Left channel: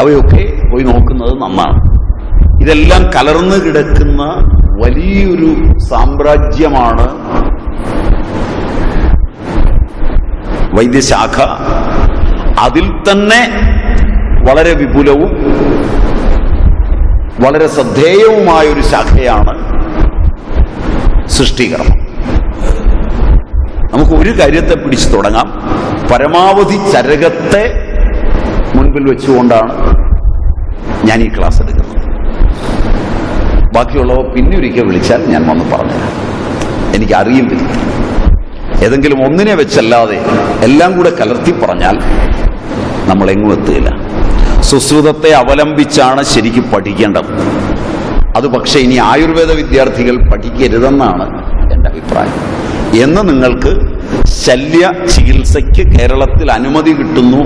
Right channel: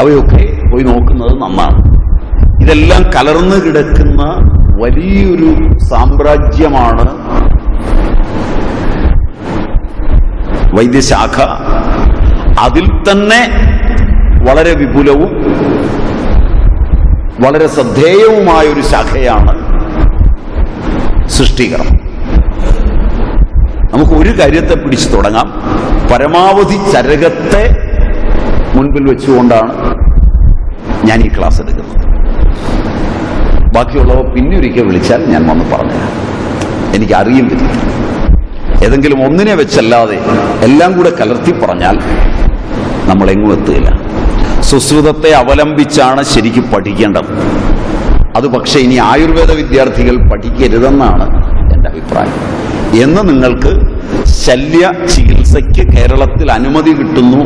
അവയൊക്കെ പോയി നോക്കുന്നത് നന്നാണ്. ഇതെല്ലാം കലർന്നു കിടക്കുന്ന വലിയൊരു സാമ്രാജ്യമാണ് വൈദ്യശാഖ. അതിൽ തന്നെ വളരെ വിപുലവും വളരെ ശ്രദ്ധേയവുമായൊരു ശാഖയാണ് സൃഷ്ടികർമ്മം. നമുക്ക് ഒരു കാര്യത്തെ പിടിച്ചു തുടങ്ങാം. പരമാവധി ചരകത്തെ മുൻപിൽ വെച്ചുകൊണ്ടാണ് ഞാൻ ഈ ക്ലാസ് എടുക്കുന്നത്. ബാക്കിയുള്ളവ പിന്നെ ഒരിക്കൽ വിളിച്ചാൽ ഞാൻ വന്ന് പറഞ്ഞുതരാം. എനിക്കറിയും പറ്റില്ല. ഏതെങ്കിലും ഒന്നിനെ വെച്ചല്ലാതെ എല്ലാം കൂടെ കലർത്തി പറഞ്ഞാൽ നമ്മളെങ്ങും എത്തുകയില്ല. സുശ്രുതത്തെ അവലംബിച്ചാണ് ശരിക്കും പഠിക്കേണ്ടത്. അത് പക്ഷേ ഇനി ആയുർവേദ വിദ്യാർത്ഥികൾ പഠിക്കരുതെന്നാണ് എൻ്റെ അഭിപ്രായം. എന്ന് നിങ്ങൾക്ക് ശല്യ ചികിത്സയ്ക്ക് കേരളത്തിൽ അനുമതി കിട്ടുന്നു,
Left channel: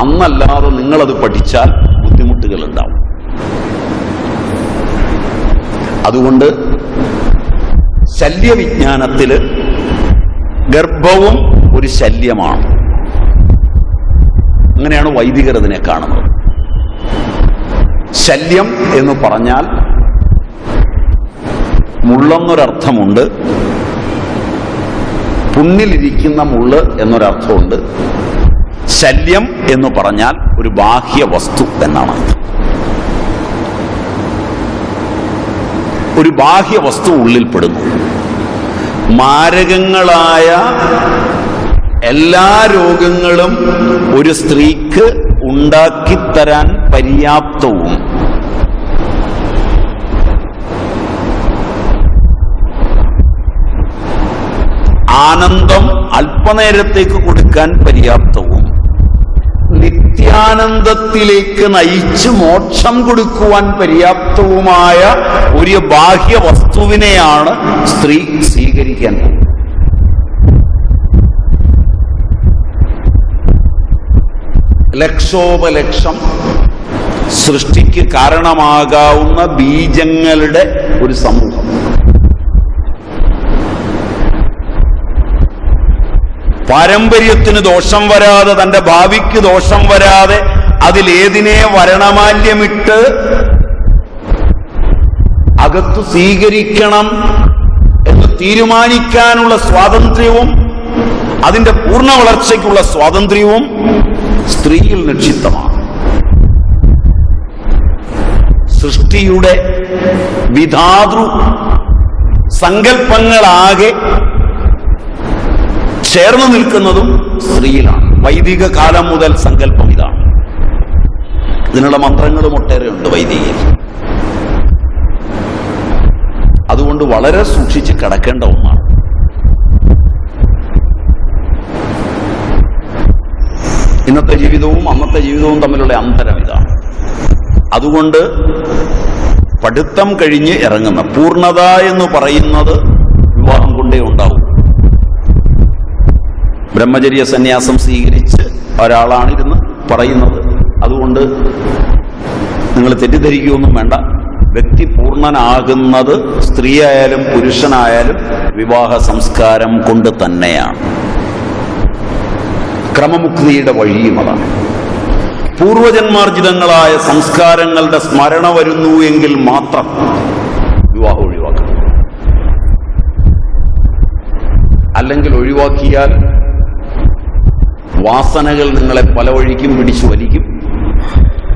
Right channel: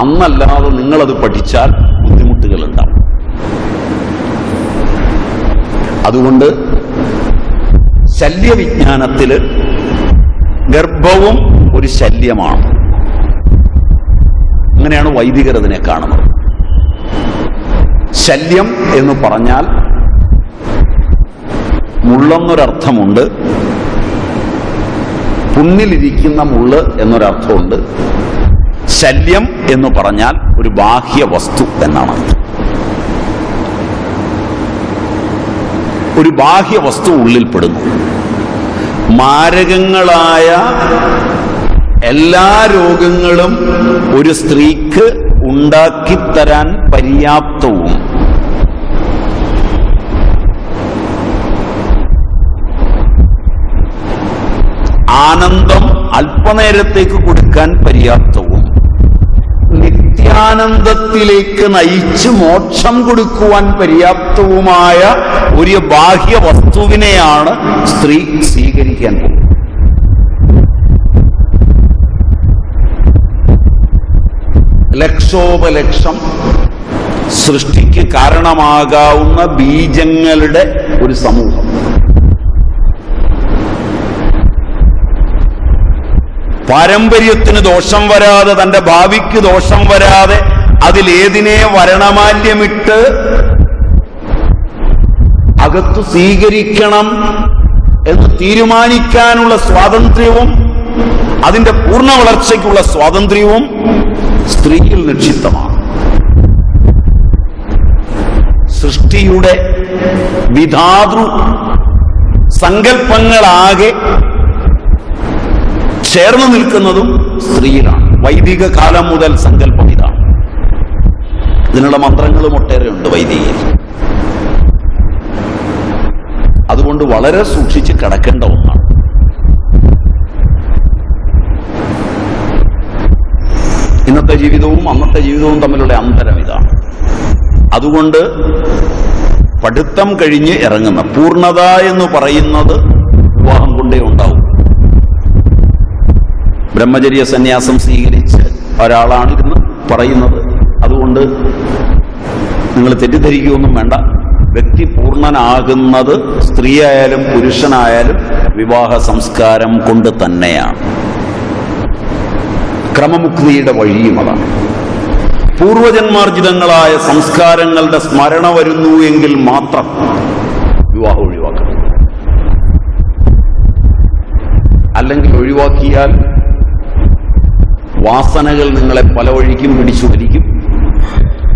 അന്നല്ലാതെ നിങ്ങളത് പഠിച്ചാൽ ബുദ്ധിമുട്ടുകൾ ഉണ്ടാവും. അതുകൊണ്ട് ശല്യവിജ്ഞാനത്തിൽ ഗർഭവും ഒരു ശല്യമാണ്. അങ്ങനെയാണ് വൈദികർ അതിനെ കാണുന്നത്. ശല്യം എന്ന് പറഞ്ഞാൽ മുള്ളെന്നൊരർത്ഥമുണ്ട്, പുണ്ണിലിരിക്കുന്ന മുള്ള് എന്നൊരർത്ഥമുണ്ട്. ശല്യം എന്ന് പറഞ്ഞാൽ ഒരു ബാഹ്യ വസ്തു എന്നാണ് അർത്ഥം. ഒരു ബാഹ്യ വസ്തു ഉള്ളിൽപ്പെടുന്നു. മാരകങ്ങളായ എല്ലാ രോഗങ്ങളും ഒരു സ്ത്രീക്ക് ഉണ്ടാക്കിത്തരാൻ പര്യാപ്തവും ആനന്ദം അല്പനേരത്തേക്ക് കൊടുക്കാൻ പര്യാപ്തവും നിത്യാനന്ദത്തിലേക്ക് നയിച്ച് മോക്ഷം കൊടുക്കുവാൻ പര്യാപ്തവുമായ ഒരു ബാഹ്യ വസ്തുവിനെയാണ് സ്ത്രീ സ്വീകരിക്കാൻ പോകുന്നത്. ലക്ഷോപലക്ഷം സൃഷ്ടിക്ക് കാരണമാകാവുന്ന ബീജങ്ങളുടെ ഒരു സമൂഹം. പാരമ്പര്യത്തിന് ദോഷം വരാതെ, തന്റെ ഭാവിക്ക് ദോഷം വരാതെ അതിലേതിനെ വരണമാല്യമിട്ട് അകത്തു സ്വീകരിക്കണം എന്ന് തീരുമാനിക്കാനുള്ള സ്വാതന്ത്ര്യവും അതിന്റെ പൂർണ്ണ വളർച്ചയ്ക്കുള്ള സ്വാതന്ത്ര്യവും സ്ത്രീയിൽ നിക്ഷിപ്തമാണ്. സൃഷ്ടിയുടെ വിധാതൃ സങ്കല്പങ്ങളാകെ ചേർന്ന് നിൽക്കുന്നതും സ്ത്രീയിലാണ്. വൈദിക കാലം മുതൽ സങ്കല്പം ഇതാണ്. ഇതിനുള്ള മന്ത്രങ്ങളും ഒട്ടേറെ ഉണ്ട് വൈദികയിൽ. അതുകൊണ്ട് വളരെ സൂക്ഷിച്ച് കിടക്കേണ്ട ഒന്നാണ്. ഇന്നത്തെ ജീവിതവും അന്നത്തെ ജീവിതവും തമ്മിലുള്ള അന്തരം ഇതാണ്. അതുകൊണ്ട് പഠിത്തം കഴിഞ്ഞ് ഇറങ്ങുന്ന പൂർണ്ണത എന്ന് പറയുന്നത് വിവാഹം കൊണ്ടേ ഉണ്ടാവും. ബ്രഹ്മചര്യ സന്യാസം സ്വീകരിച്ച് ഒരാളാണിരുന്ന് പറയുന്നത്. അതുകൊണ്ട് നിങ്ങൾ തെറ്റിദ്ധരിക്കുകയൊന്നും വേണ്ട. വ്യക്തി പൂർണ്ണനാകുന്നത് സ്ത്രീയായാലും പുരുഷനായാലും വിവാഹ സംസ്കാരം കൊണ്ട് തന്നെയാണ്. ക്രമമുക്തിയുടെ വഴിയും അതാണ്. പൂർവജന്മാർജിതങ്ങളായ സംസ്കാരങ്ങളുടെ സ്മരണ വരുന്നു എങ്കിൽ മാത്രം വിവാഹം ഒഴിവാക്കണം. അല്ലെങ്കിൽ ഒഴിവാക്കിയാൽ വാസനകൾ നിങ്ങളെ പല വഴിക്കും പിടിച്ചു വലിക്കും.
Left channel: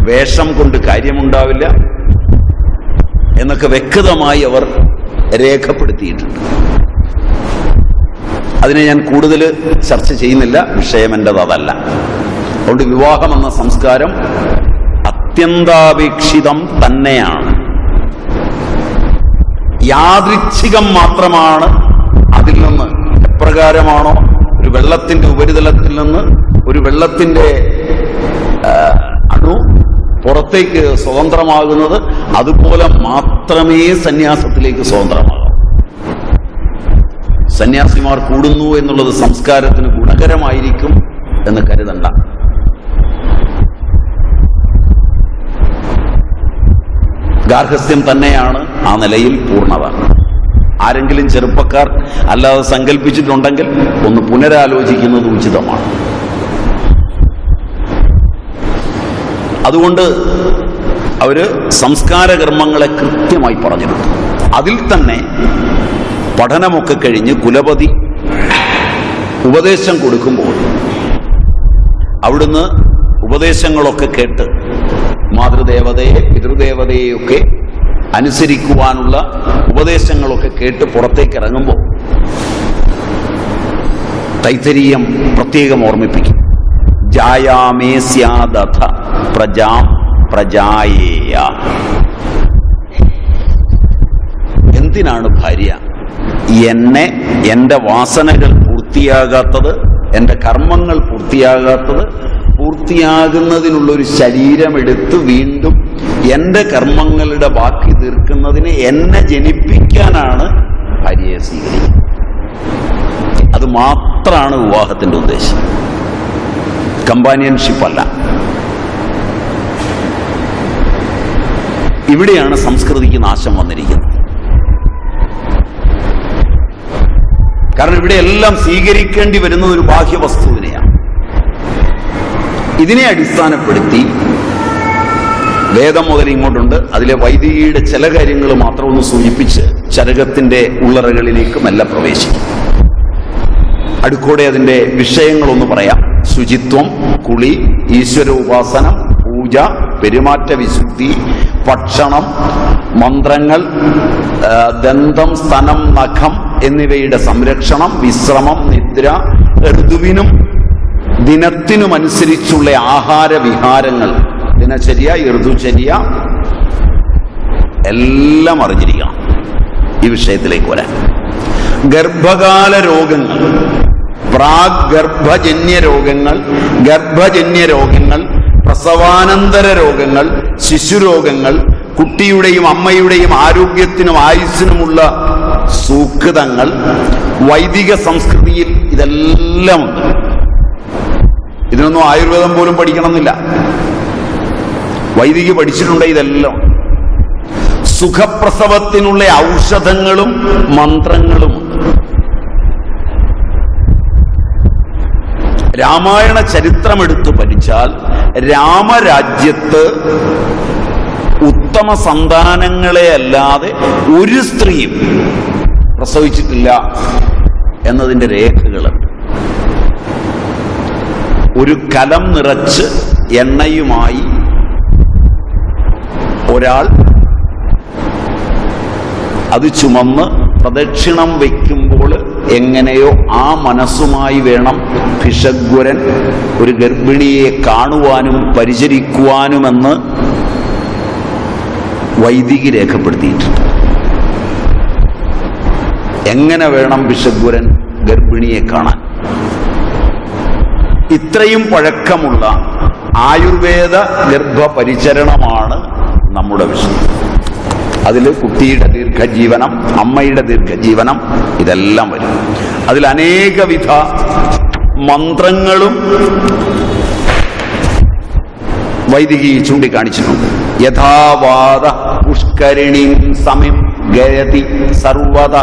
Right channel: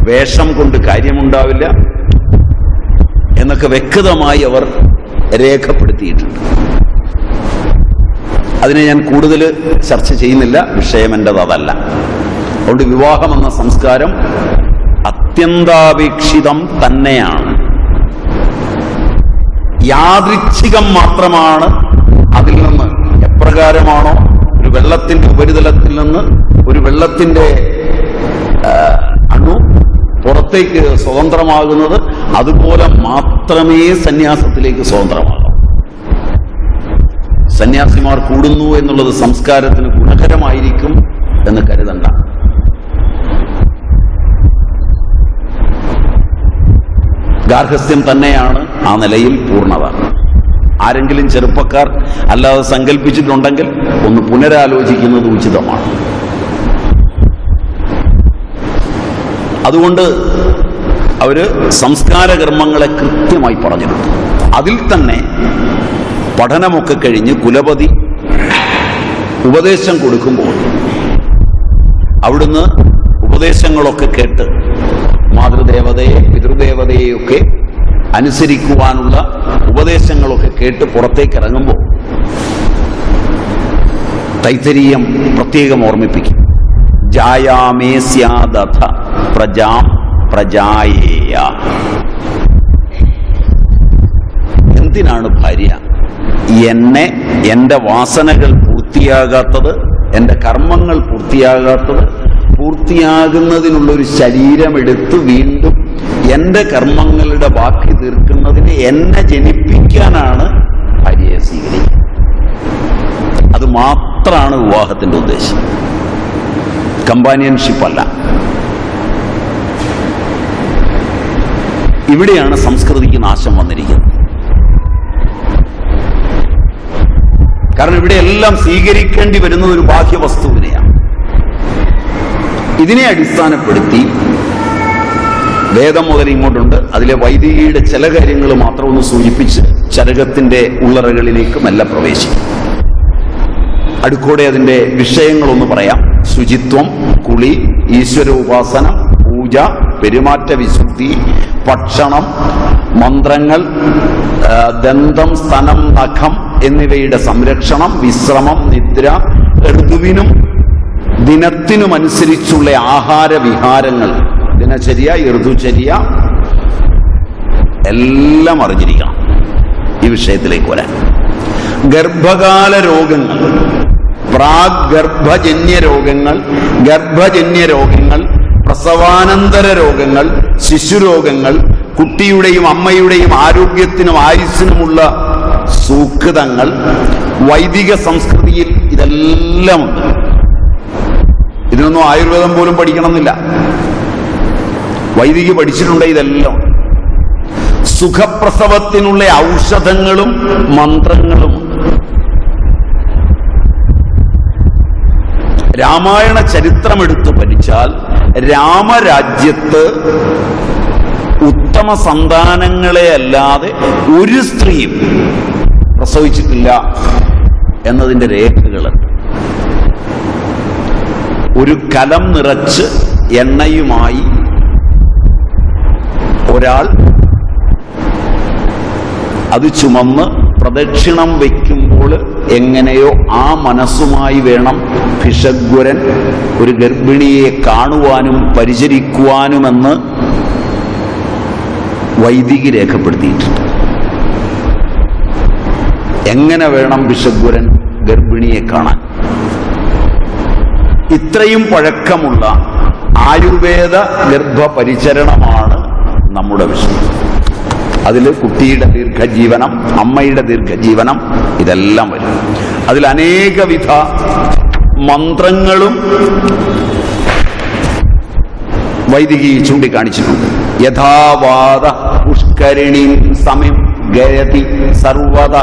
വേഷം കൊണ്ട് കാര്യമുണ്ടാവില്ല എന്നൊക്കെ വ്യക്തമായി അവർ രേഖപ്പെടുത്തിയിട്ടുണ്ട്. അതിനെ ഞാൻ കൂടുതൽ ചർച്ച ചെയ്യുന്നില്ല. വിഷയം എൻ്റെത് അതല്ല. അതുകൊണ്ട് വിവാഹം എന്ന സംസ്കാരം അത്യന്താപേക്ഷിതം തന്നെയാണ്. യാദൃച്ഛികം മാത്രമാണ്. അതിൽ നിന്ന് എപ്രകാരമാണോ ഒരു വെള്ളത്തിന്റെ ഉപരിതലത്തിൽ നിന്ന് ഒരു വെള്ളത്തിന്റെ അണു പുറത്തേക്ക് സ്വതന്ത്രമാകുന്നത്, അതുപോലെ മാത്രമേ സന്യാസത്തിലേക്ക് സ്വതന്ത്രമാകൂ. സന്യാസിമാർ കൂടുന്നു എന്നുള്ളത് സംസ്കാരത്തിന് ഗുണകരമായിരിക്കും എന്ന് കരുതണ്ട. ഗാർഹസ്ഥ്യം തന്നെയാണ് ആ നിലയിൽ പൂർണ്ണത. ആരെങ്കിലും ചെറുപ്പക്കാർ അല്ലാതെ സങ്കല്പിച്ചിട്ടുണ്ടെങ്കിൽ ഒന്ന് പുനരാലോചിക്കുന്നത് ഉചിതമാണ്. അതുകൊണ്ട് അവർ സംസ്കാര കർമ്മങ്ങളെ കൃത്യമായി പറഞ്ഞിട്ടുണ്ട്. അതിൽ തന്നെ പഠനമൊക്കെ കഴിഞ്ഞ് കുലപതി ഉപദേശം കൊടുക്കുമ്പോൾ അവിടുന്ന് ഉപദേശങ്ങളൊക്കെ കേട്ട് മാതൃദേവതയെ പിതൃദേവതയെയൊക്കെ അനുസരിക്കുവാനുള്ള ഉപദേശങ്ങളൊക്കെ കേട്ട് പുറത്തേക്ക് ഇറങ്ങുമ്പോൾ തൈത്തരീയം പ്രത്യേകം ഓർമ്മിപ്പിക്കും. ജായാമേ സ്യാദഥ പ്രജാം പ്രജായേയ. എന്തിനാണ് ഭാര്യ? എൻ്റെ വാസനകൾ പൂർത്തിയാകാത്തത്, എൻ്റെ കർമ്മങ്ങൾ പൂർത്തിയാകുന്നതിനുള്ളൊരു ശരീരമെടുത്ത് വീണ്ടും എൻ്റെ കർമ്മങ്ങളുടെ ബാക്കി തീർക്കുന്നതിന് എന്നെ ജനിപ്പിക്കാനാണ് ഭാര്യയെ സ്വീകരിക്കുന്നത്. അത് മാത്രമാണ് വിവാഹത്തിൻ്റെ ഉദ്ദേശം, കമ്പാനിയൻഷിപ്പ് അല്ല. ഇവിടെയാണ് സംസ്കൃതിക്ക് നാശം വന്നിരിക്കുന്നത്. കാരണം ഇവിടെ എല്ലാം സ്വീകരിക്കേണ്ടി വരുന്നത് ഒരു ബാഹ്യവസ്തുവിനെയാണ്. ഇതിനെ അടിസ്ഥാനപ്പെടുത്തി വേദം മുതൽ ഇങ്ങോട്ടുണ്ട്. അതിലെ വൈദികയുടെ ചില കാര്യങ്ങൾ മാത്രം ഒന്ന് സൂചിപ്പിച്ച് ചരകത്തിന്റെ ഉള്ളറകളിലേക്ക് മെല്ലെ പ്രവേശിക്കും. അടുക്കോടെ അതിന്റെ വിഷയങ്ങളൊന്ന് പറയാം. ശുചിത്വം, കുളി, ഈശ്വരോപാസനം, പൂജ, പെരുമാറ്റ വിശുദ്ധി, ഭക്ഷണം, മന്ത്രങ്ങൾ, ദന്തം, സ്തനം, നഖം എന്നിവയുടെ സംരക്ഷണം, വിശ്രമം, നിദ്ര, ഋതുവിനും ദിനത്തിനുമനുസരിച്ചുള്ള ആഹാരവിഹാരങ്ങൾ, ദിനചര്യ, ഋതുചര്യ എല്ലാം അറിഞ്ഞിരിക്കണം. ഈ വിഷയത്തിലേക്ക് വരാൻ ഗർഭകാല രോഗങ്ങൾ, പ്രാഗർഭജന്യ രോഗങ്ങൾ, ഗർഭജന്യ രോഗങ്ങൾ, പ്രസവാനന്തര രോഗങ്ങൾ, ശിശുരോഗങ്ങൾ, കുട്ടിയുടെയും അമ്മയുടെയും ആരോഗ്യത്തിനും ആയുസ്സിനുമുള്ള സൂക്തങ്ങൾ വൈദിക സംസ്കൃതിയിൽ ഇതെല്ലാം ഉണ്ട്. ഇതിനൊന്നും ആയുർവേദം പോലും പഠിക്കണമെന്നില്ല, വൈദിക പഠിച്ചിട്ടുണ്ട് ഇതെല്ലാം. സുഖപ്രസവത്തിനുള്ള ഔഷധങ്ങളും മന്ത്രങ്ങളുമുണ്ട്. രാമായണ ചരിത്രമെടുത്ത് പഠിച്ചാൽ രാമരാജ്യത്ത് ഉത്തമ സന്താനങ്ങളെ അല്ലാതെ ഒരു സ്ത്രീയും പ്രസവിച്ചിട്ടില്ല എന്നതിൻ്റെ രേഖകളുണ്ട്. ഒരു കലം നിറച്ച് എണ്ണയുമായി ഒരാൾ അത് ചുമന്ന് പ്രദക്ഷിണം വയ്ക്കുമ്പോൾ എങ്ങനെയോ ആ മനസ്സുമായി വേണം ഭിഷഗ്വരൻ ഒരു ഗർഭിണിയെ കാണുവാനും പരിചരിക്കുവാനുമെന്ന് വൈദികി രേഖപ്പെടുത്തിയിട്ടുണ്ട്. എങ്ങനെ വേണം ഭിഷഗ്വരൻ ഗർഭിണിയെ കാണാൻ? ഇത്രയും പഴക്കമുള്ള ആയുർവേദ ഗർഭപരിചരണമാണ് നമ്മുടെ വിഷയം. അതിൽ കുട്ടിയുടെ ദീർഘജീവനം, അമ്മയുടെ ദീർഘജീവനം ഇതെല്ലാം വരും. അതിൽ അനേകവിധ മന്ത്രങ്ങളും വൈദികി ചൂണ്ടിക്കാണിച്ചിട്ടുണ്ട്. യഥാവാദ പുഷ്കരിണീം സമിം ഗയതി സർവത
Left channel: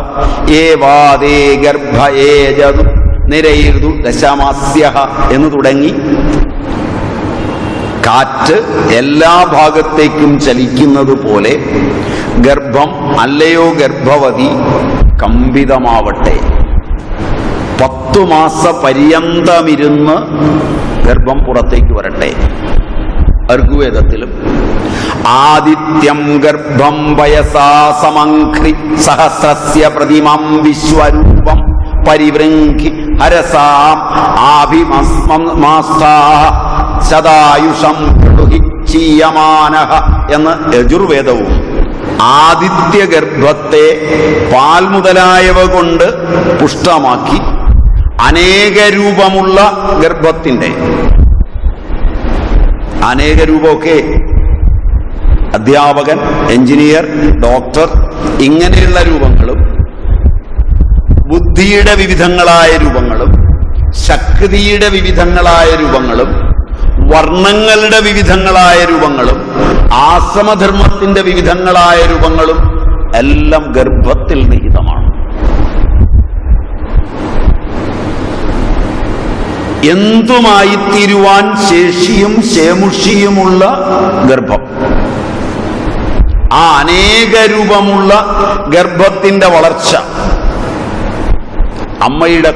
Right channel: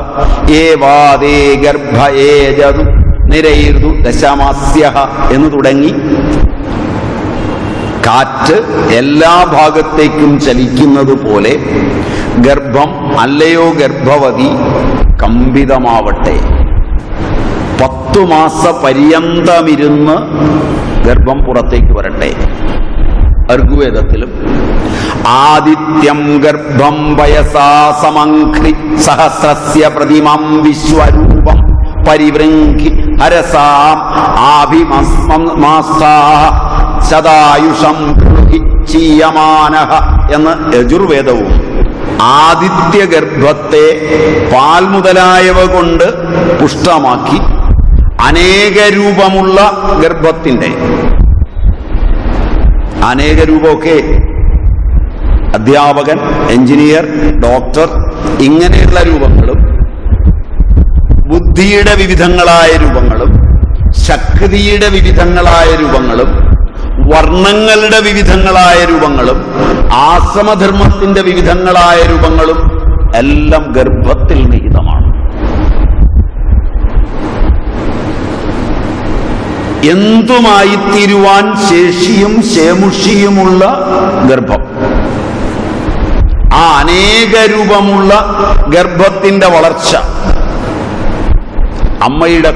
ഏവാദേ ഗർഭയേജതു നിരൈർതു ദശമാസ്യഃ എന്ന് തുടങ്ങി കാറ്റ് എല്ലാ ഭാഗത്തേക്കും ചലിക്കുന്നത് പോലെ ഗർഭം അല്ലയോ ഗർഭവതി കമ്പിതമാവട്ടെ. 10 മാസ പര്യന്തമിരുന്ന് ഗർഭം പുറത്തേക്ക് വരട്ടെ. ഋഗ്വേദത്തിലും ആദിത്യം ഗർഭം വയസാ സമംഘ്രി സഹസ്രസ്യ പ്രതിമം വിശ്വരൂപം പരിവൃങ്കി ഹരസാം ആഭിമാസ്താ സദായുഷം ചീയമാനഃ എന്ന് യജുർവേദവും ആദിത്യ ഗർഭത്തെ പാൽ മുതലായവ കൊണ്ട് പുഷ്ടമാക്കി അനേക രൂപമുള്ള ഗർഭത്തിന്റെ അനേക രൂപമൊക്കെ അധ്യാപകൻ, എഞ്ചിനീയർ, ഡോക്ടർ ഇങ്ങനെയുള്ള രൂപങ്ങളും ബുദ്ധിയുടെ വിവിധങ്ങളായ രൂപങ്ങളും ശക്തിയുടെ വിവിധങ്ങളായ രൂപങ്ങളും വർണ്ണങ്ങളുടെ വിവിധങ്ങളായ രൂപങ്ങളും ആശ്രമധർമ്മത്തിന്റെ വിവിധങ്ങളായ രൂപങ്ങളും എല്ലാം ഗർഭത്തിൽ നിഹിതമാണ്. എന്തുമായി തീരുവാൻ ശേഷിയും ശേമുഷിയുമുള്ള ഗർഭം. ആ അനേക രൂപമുള്ള ഗർഭത്തിന്റെ വളർച്ച അമ്മയുടെ